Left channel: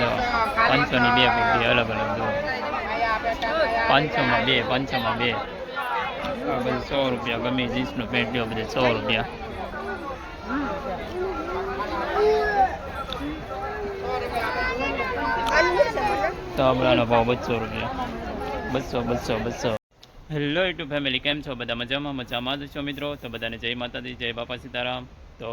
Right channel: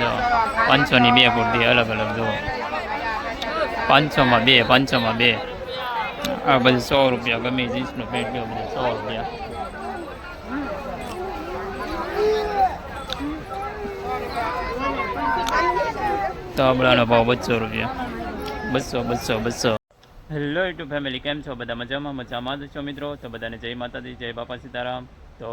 જો બે કુર્તી અલગ અલગ જો પાંચસોમાં બે પાંચસોમાં બે. આ બધી સો રૂપિયા ગમે જીન્સનું પેન્ટ લ્યો, બધી સો રૂપિયા. તાબડાનો ભાવ બસો રૂપિયા. બસો બસો બસો. હેલો યુટ્યુબ ફેમિલી, કેમ છો? બધા મજામાં? મજામાં જ છો મિત્રો? તો બધાને જય માતાજી, જય બાપા સીતારામ. તો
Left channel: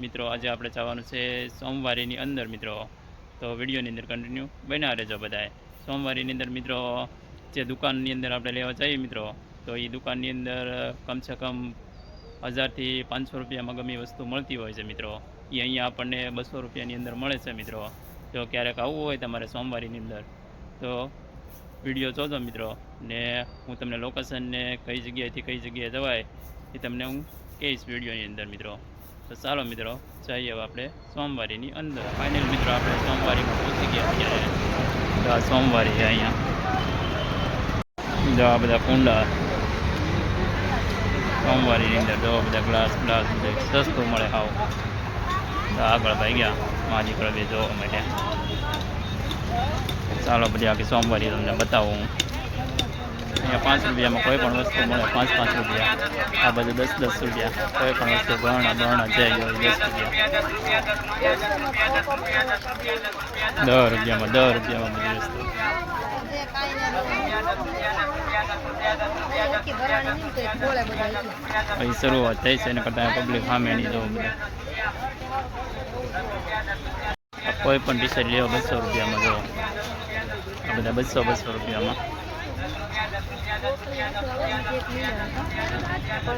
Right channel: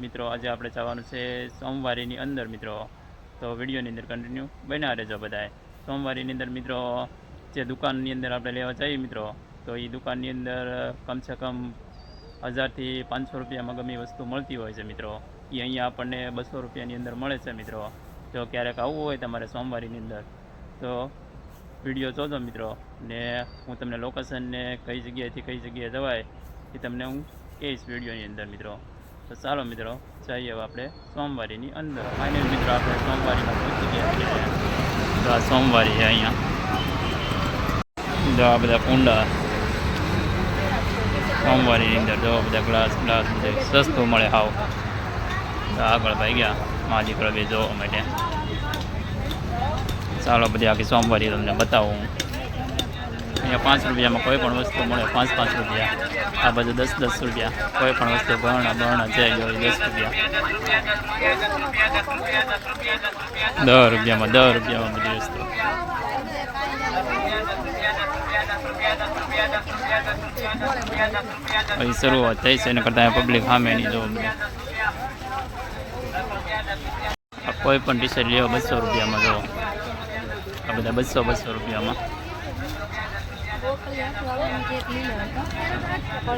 મિત્રો, આજે આપણે જવાનું છે સોમવારીની અંદર મિત્રો. તો વિડીયોની અંદર કન્ટિન્યુ બન્યા રહેજો બધાએ સોમવારની અંદર મિત્રો, જે દુકાનની અંદર આપણે લેવા જઈએ મિત્રો, તો એ દુકાનની અંદર કમસે કમ હજારથી પાંચસો રૂપિયામાં ગમે વસ્તુ મળતી હોય છે મિત્રો. એ અહીંયા આપણને બસો રૂપિયાની અંદર મળે છે મિત્રો. જો ક્યારેક આવવું હોય તમારે સોમવારીની અંદર, તો વીડિયો જોજો મિત્રો. ને હું તમને લોકેશનને કઈ જગ્યાએથી કઈ જગ્યાએ જવાય એ તમને હું કહીશ વિડીયોની અંદર મિત્રો. તો ચાલો મિત્રો, જઈએ આપણે સોમવારીની અંદર. ફાઇનલ મિત્રો, આપણે સોમવારીમાં પહોંચી ગયા અત્યારે. તો આ સોમવારી છે અહીંયા. જો આ બધા કુંડા. સોમવારીની અંદર જો બધા ગ્લાસ ગ્લાસ બધું સસ્તું મળે હાવ. તો આગળ ભાઈ ગયા, માજી પ્રભે જોવા માટે. ચાલો બધી આખી સોમવારી તમને બતાવું હું. અહીંયા પાંચ રૂપિયામાં કોઈ પણ વસ્તુ મળે, પાંચ પાંચ રૂપિયા. આ બધું દસ દસ રૂપિયા. કોઈ પણ વસ્તુ, ગહણા બહણા જે હોય દસ રૂપિયા. દસ રૂપિયામાં દસ રૂપિયામાં બધી વસ્તુ. અહીં શરૂઆત થઈ છે, એના કરતાં પબ્લિક સામે નહીં જોવો બધે. કોઈ પણ ટી શર્ટ લેવો બસો રૂપિયામાં જો આ બધા બસો બસો રૂપિયામાં.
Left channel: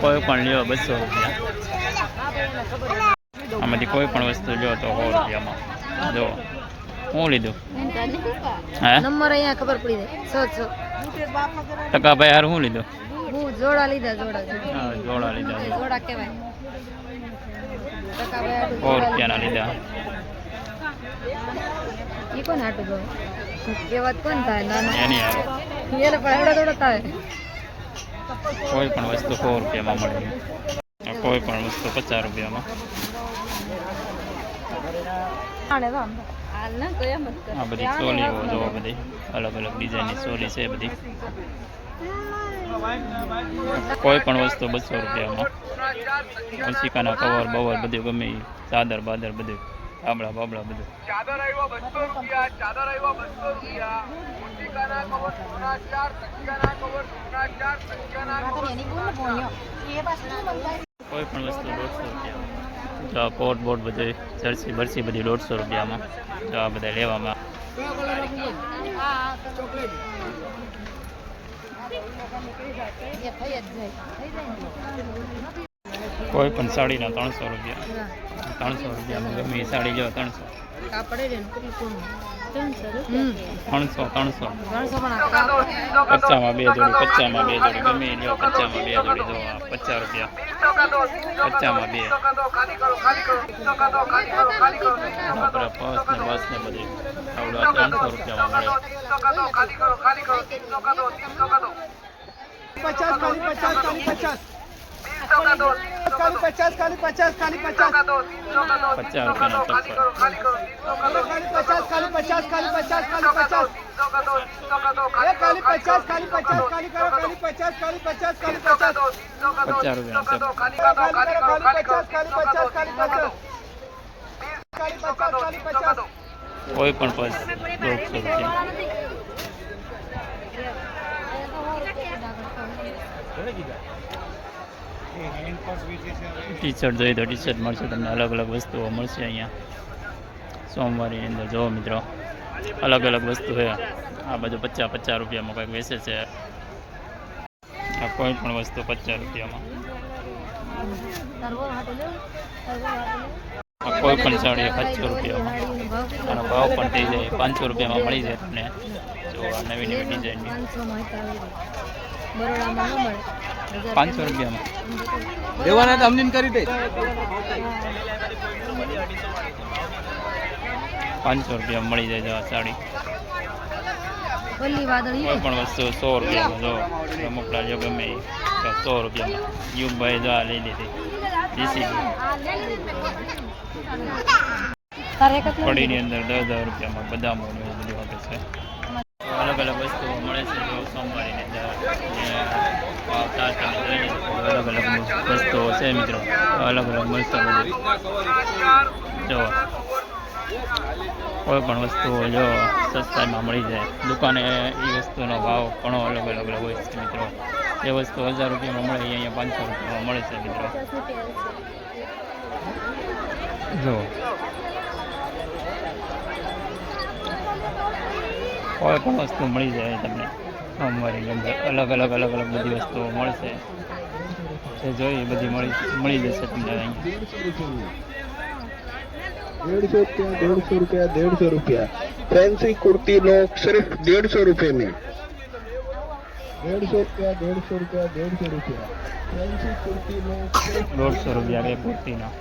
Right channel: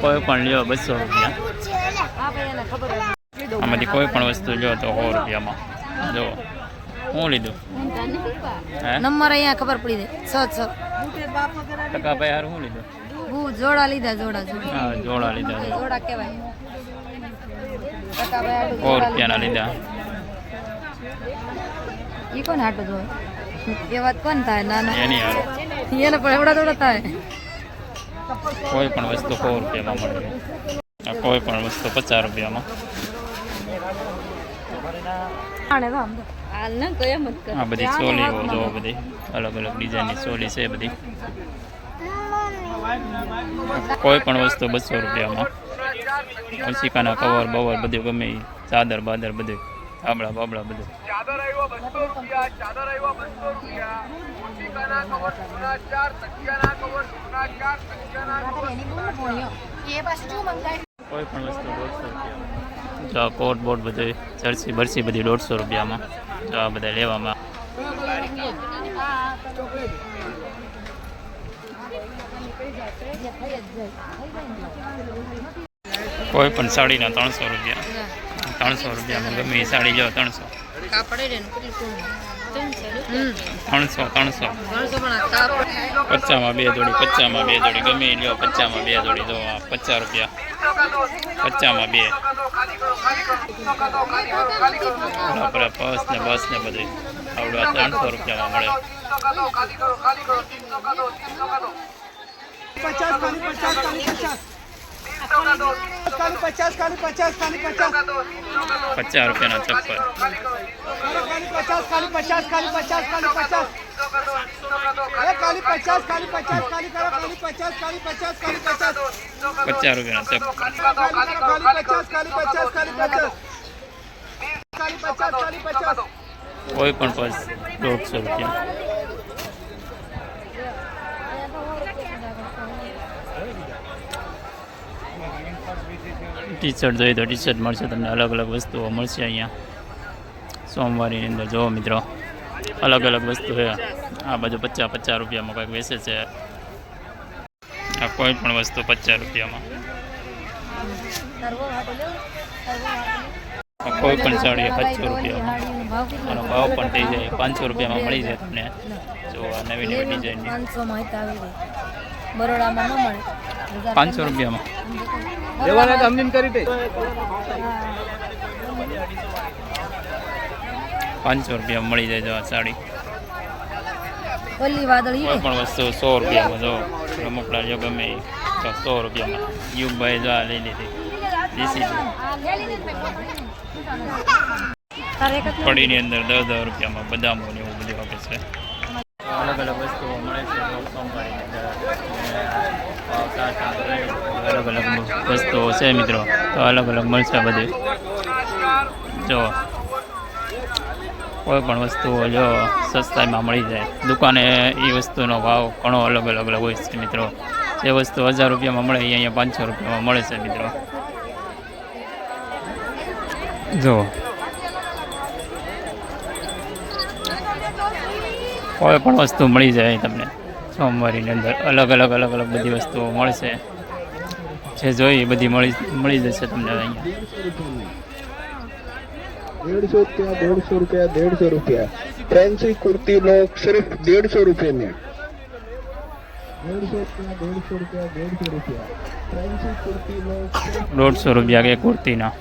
કોઈ પણ લ્યો બસો રૂપિયા. આમાંથી કોઈ પણ વસ્તુ લ્યો તો સો રૂપિયામાં. જો હું લીધું? નંબર અહીંયા ખબર પડી જાય. છ ટકા ભાઈ હાર હું લીધું? હું જોડા લીધા જોડા હા જોડા લીધા. જોડા કહેવાય. સો રૂપિયાના લીધા. ઈ કોણ હાટું તો એ વાત કોણ થાય? નાના. એની હારો. એને પણ એવડા થોડા થાય. કોઈ પણ વસ્તુ સો રૂપિયામાં મળે. છે આ કોઈ પણ વસ્તુ પચાસ રૂપિયામાં. આ બધી ચોલીઓ જો બધી અલગ અલગ ડિઝાઇનની ચોલી છે બધી. કોઈ પણ વસ્તુ બસો રૂપિયામાં. ઓશિકાના કવર બવર બધું ગમે ચાદર બાદર બધું. આબળા બાબળા બધું ચાદર આવ્યા બસો રૂપિયા ચાદર આવ્યા બસો રૂપિયા. ઓશિકાના કવર જૂના ચાર તકિયાના કવર જૂના ચાર તકિયાના કવર કોઈ પણ વસ્તુ દોઢસો રૂપિયામાં જો આ કોટ બોટ બધું જર્સી બરસી બધી દોઢસો રૂપિયામાં. જો આ બધા લેવામાં. કોઈ પણ સાડીના ત્રણસો રૂપિયા. ત્રણસો રૂપિયામાં ગમે એ સાડી જો ત્રણસો. ત્રણસો. ત્રણસો પચામાં બે જોડી પચામાં બે જોડી ગમે લ્યો પચામાં બે જોડી જો પચાસ રૂપિયા. પચામાં બે. બરાબર પર્સ ને બસ ને બધું આવડે ત્રણસો રૂપિયામાં મળે. પચાસ ખાલી પચાસ ખાલી પચાસ. ખાલી પચાસ ખાલી પચાસ ખાલી પચાસ પચાસ રૂપિયાના ચપ્પલ ખાલી પચાસ ખાલી પચાસ ખાલી પચાસ ખાલી પચાસ એ ખાલી પચાસ ખાલી પચાસ ખાલી કરો ખાલી પચાસ ખાલી પચાસ ખાલી પચાસ પચાસ રૂપિયાના ચપ્પલ ખાલી પચાસ ખાલી પચાસ ખાલી પચાસ કોઈ પણ પર્સ દોઢસો રૂપિયા ટી શર્ટ જોઈએ તો ટી શર્ટ મળશે, તમને અલગ અલગ વસ્તુઓ મળશે અહીંયા. સોમવારીની અંદર જુઓ મિત્રો, અલગ અલગ વસ્તુ છે. આ બધું પચાસ પચાસ રૂપિયામાં કંઈક વેચે છે. આ કોઈ પણ વસ્તુ પચાસ રૂપિયામાં. કોઈ પણ સાડી પાંચસો રૂપિયામાં. આનો ભાવ પણ થઈ જાય. પાંચસો રૂપિયામાં મળી જાય તમને. જો આ નવી નવી ડિઝાઇનની. પાંચસો. બરોડામાં ન મળે. રૂપિયામાં. દેવાના તો કરી દે. પાંચસો રૂપિયામાં મળી જાય જો આ સાડી. કોઈ પણ વસ્તુ સો રૂપિયામાં જો રમકડા જો ગમે એ. તો સો રૂપિયામાં. યુગભાઈ જો આ લઈ લીધી. કડીની અંદર દસ દસ રૂપિયામાં બદામો ને એવું બધું આપે છે. અલગ અલગ વસ્તુઓ મળે છે જો સોમવારીની અલગ અલગ વસ્તુઓ છે મિત્રો. તો અલગ અલગ મળશે બધી. જો, કોઈ પણ વસ્તુઓ જો સસ્તામાં મળી જાય, દુકાને એ વસ્તુનો ભાવ ઘણો અલગ અલગ અલગ હોય છે મિત્રો. જે વસ્તુ હજાર રૂપિયામાં મળે એ અહીંયા પાંચસો રૂપિયામાં મળે છે મિત્રો. જો કોઈ પણ વસ્તુ મળી જાય તમને સોમવારીની અંદર. અલગ અલગ અલગ અલગ બધી વસ્તુઓ મળશે. જે જોઈએ બધી મળી મળી જશે તમને અહીંયા. દેડસો રૂપિયા દોઢસો રૂપિયા દેડસો રૂપિયા. ફેન્સી કુર્તી નો સિર્ફ દેડસો રૂપિયાની. દોઢસો રૂપિયા કે કુર્તીના.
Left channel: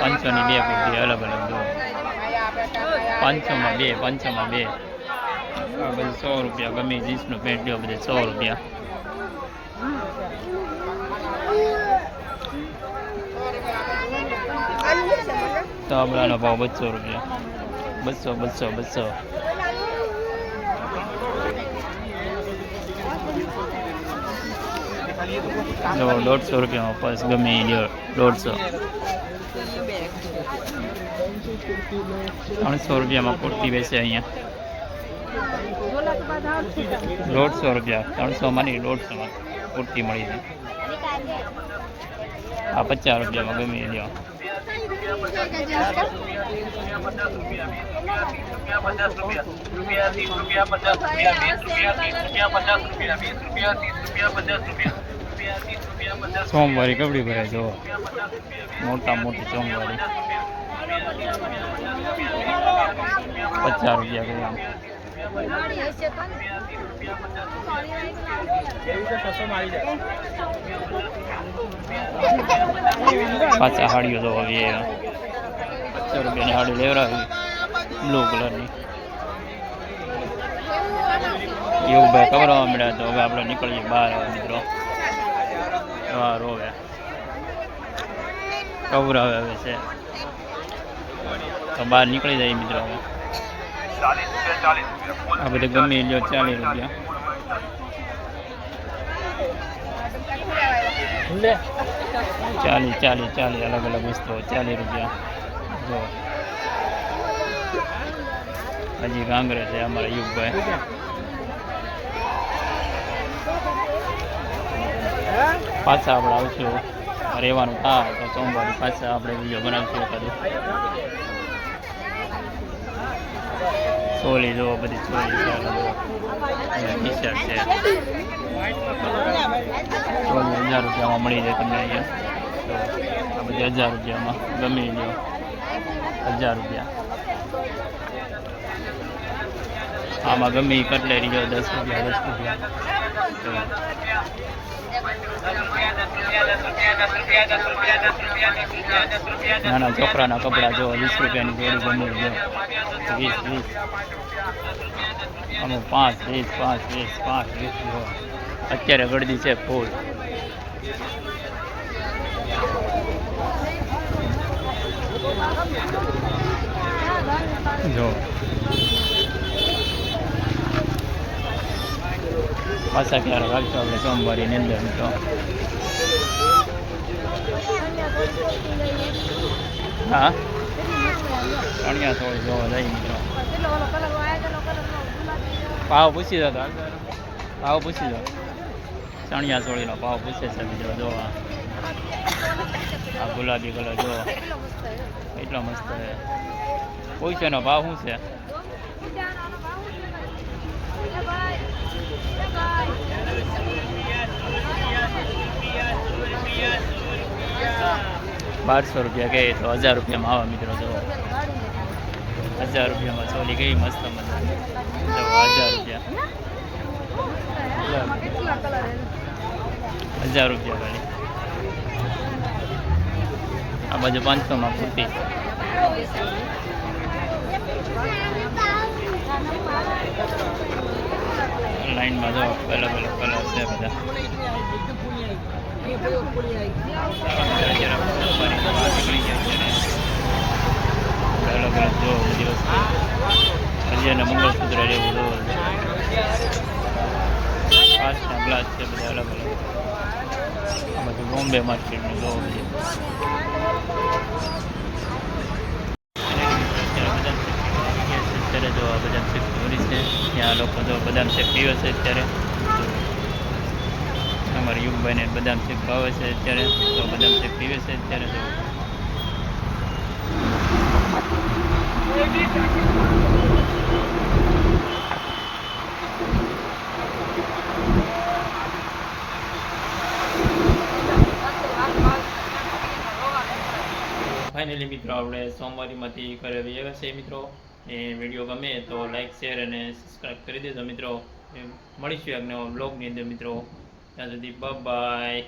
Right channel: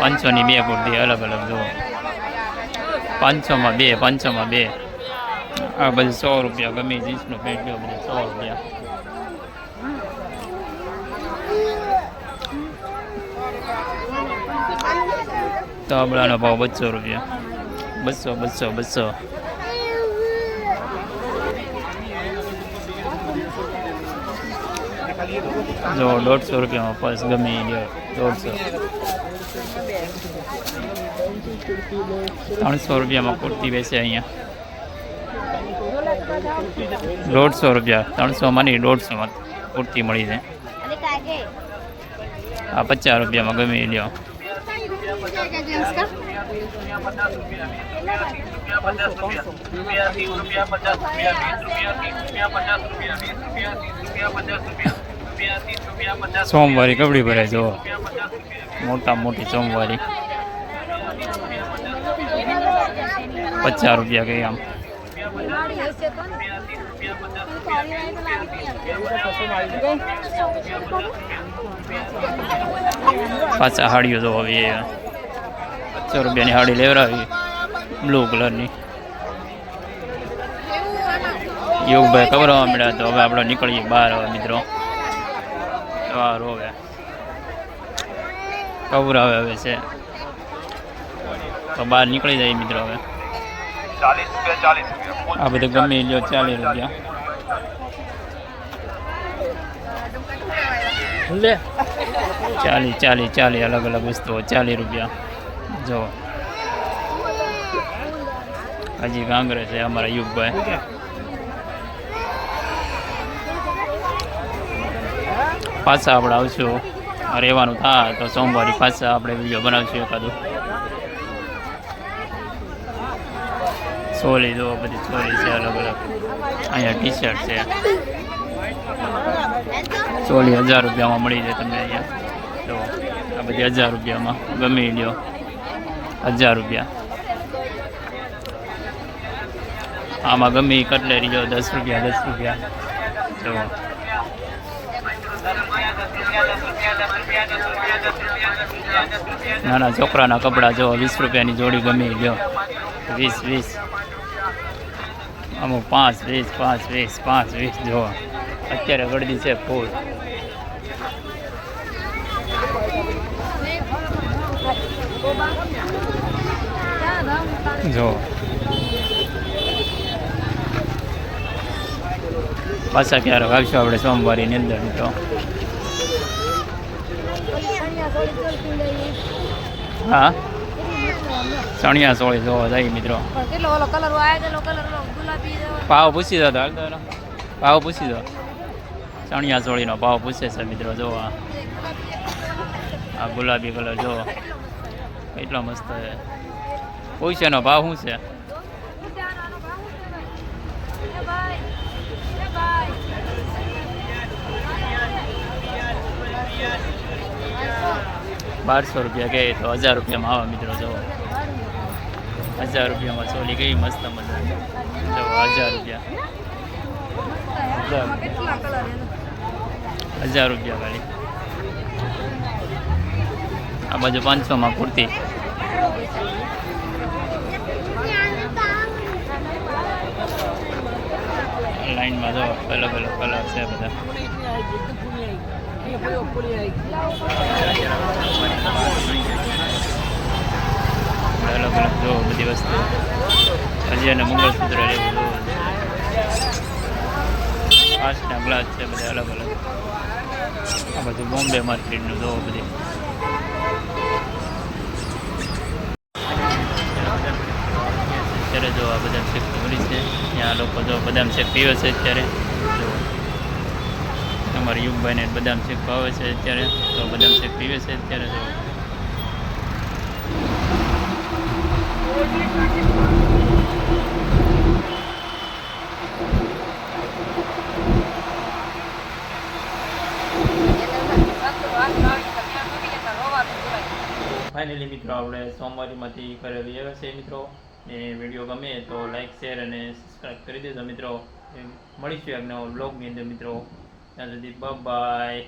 પાંચસો ની બે કુર્તી અલગ અલગ જોવો પાંચસોમાં બે પાંચસોમાં બે. આ બધું સો રૂપિયા ગમે જીન્સનું પેન્ટ લ્યો, બધું સો રૂપિયા. તાબડાનો ભાવ બસો રૂપિયા. બસો બસો બસો. જો દોઢસો રૂપિયામાં પર્સ ગમે લ્યો દોઢસો. ત્રણસો રૂપિયામાં કુર્તી બેસે અહીંયા. દોઢસો રૂપિયા. ત્રણસોમાં નહીં દોઢસોમાં કુર્તી મળી જાય. આ પચાસ રૂપિયામાં ગમે લ્યો સોમવારી કબડી ભરે જો મોટા મોટી સોમવારી. પચાસ રૂપિયા કઈ આમ પાછા હાડીઓ તો હવે પચાસ રૂપિયાની હાડી લેવડાવી. બ્લુ કલરની. એવું ભાઈ કવરવા મળ્યા તો હવે આપણે નીકળીએ બહાર આવે મિત્રો. વાર હવે કવરાવે હવે છે તો બહાર નીકળી જાય મિત્રો હવે આ બધું ગમે એ લ્યો ચાલીસ રૂપિયા ચાલી ચાલી ચાલી અલગ અલગ વસ્તુઓ ચાલીસ રૂપિયા જો હજી કાંગરે છે અમારા યુગભાઈ પાછા આપણે આવશું. રહેવાનું થાય તો સોમવારે પાછા આપણે વીડિયો બનાવશું એકાદું. ચોલી જો બધી ચોલી છે અલગ અલગ. અહીંયા ટી શર્ટ છે. ચોલી હજાર રૂપિયામાં મળી જાય તમને અહીંયા. તો આ બધી હજાર રૂપિયામાં. ગમી લ્યો. હજાર રૂપિયા. આમાં ગમે કટલે લ્યો, દસ રૂપિયા દસ રૂપિયા. તો નાના છોકરાના કપડાં જો વીસ રૂપિયાની જોડી ગમે ગયો વીસ વીસ. અમુક પાંચ, વીસ પાંચ વીસ પાંચ, વીસ જો અત્યારે ગળદી છે ફૂલ. જો પાછા ક્યારે વાગશું આપણે સોમવારીની અંદર મિત્રો હા? ચણિયા સોળી જોવા જાય મિત્રો. ભાવ પૂછી દો. ભાવ પૂછી દો. ચણિયા સોળીનો ભાવ પૂછે છે મિત્રો જોવા આ. ગુલાબી કલર, જો. એટલો મસ્ત છે. પૂછે એનો ભાવ શું છે? બારસો રૂપિયા કહે તો હજાર રૂપિયામાં આવા મિત્રો જો હજાર રૂપિયામાં ચોલી કેવી મસ્ત મજા જો હજાર રૂપિયા. હજાર રૂપિયા ખાલી. આ બાજુ પાંચસોમાં કુર્તી. લાઈનમાં જો અલગ અલગ કલર છે બધા. અલગ અલગ જો બધી વસ્તુ. હજી અને મંગળસૂત્ર લેવું જો કાચના ગ્લાસ છે બધા અલગ અલગ. આ બધું બોમ્બે માર્કેટનું જોવો બધી. અને અત્યારે બદામ શેક પીવા આવી ગયા છે. અત્યારે જો આ બદામ શેક મળી છે, ત્યાં લોકો જો બદામ શેક પીવે છે અત્યારે જો અમારા યુગભાઈને બદામ શેક ભાવે છે અત્યારે, તો બદામ શેક પીવે છે અત્યારે જો ફાઇનલી મિત્રો, આપણે સોમવારીમાંથી ઘરે આવ્યા છે મિત્રો ને વીડિયો ગમે તો લાઈક શેર અને સબસ્ક્રાઈબ કરી દેજો મિત્રો. મળીશું એક નવો બ્લોગની અંદર મિત્રો. ત્યાં સુધી બાય